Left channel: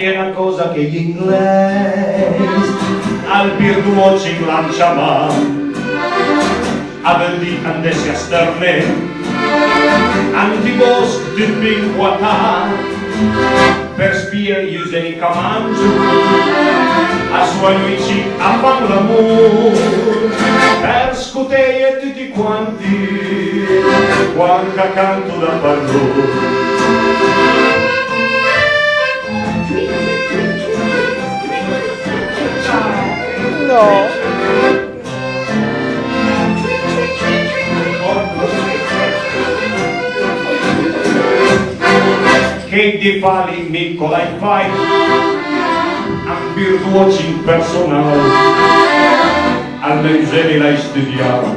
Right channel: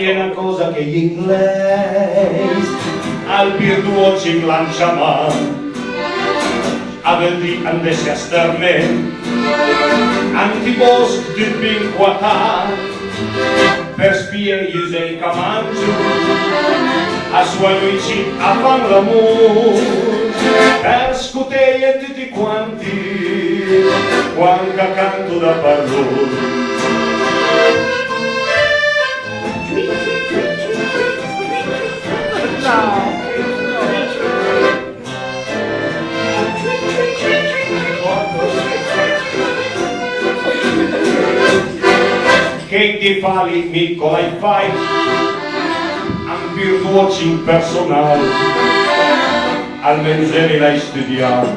è una cosa che gli inglesi al birdwatching lanciano. Avec dit andesse a sterne, antibosc du pinquata, per spiare gli usei camangiu, a suoi amici a fan l'amor, per scuteie tutti quanti, quanca canto da parlor. Che di fali Nicola in fai un birdwatching personale al mese l'hai studiato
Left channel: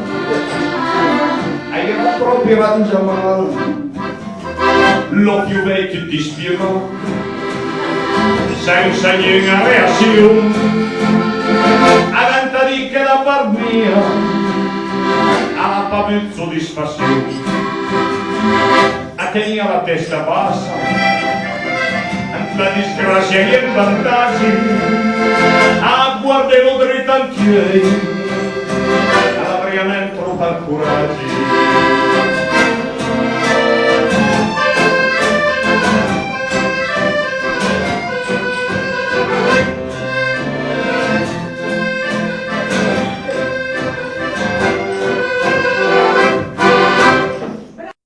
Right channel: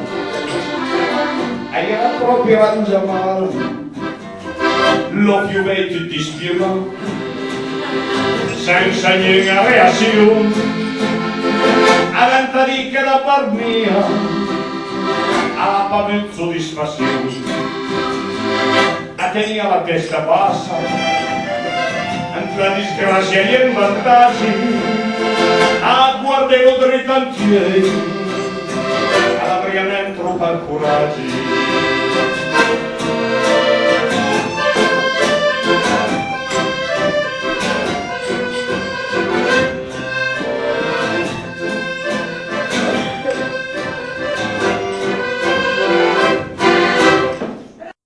e era proprio rangiamale lo più vecchio ti spiegò senza niente reazione avanti di che da par mia alla pavuzzo di sfazione tenia la testa bassa, la disgrazia e i vantaggi, a guardarlo dritto al piede, avrei troppo coraggio.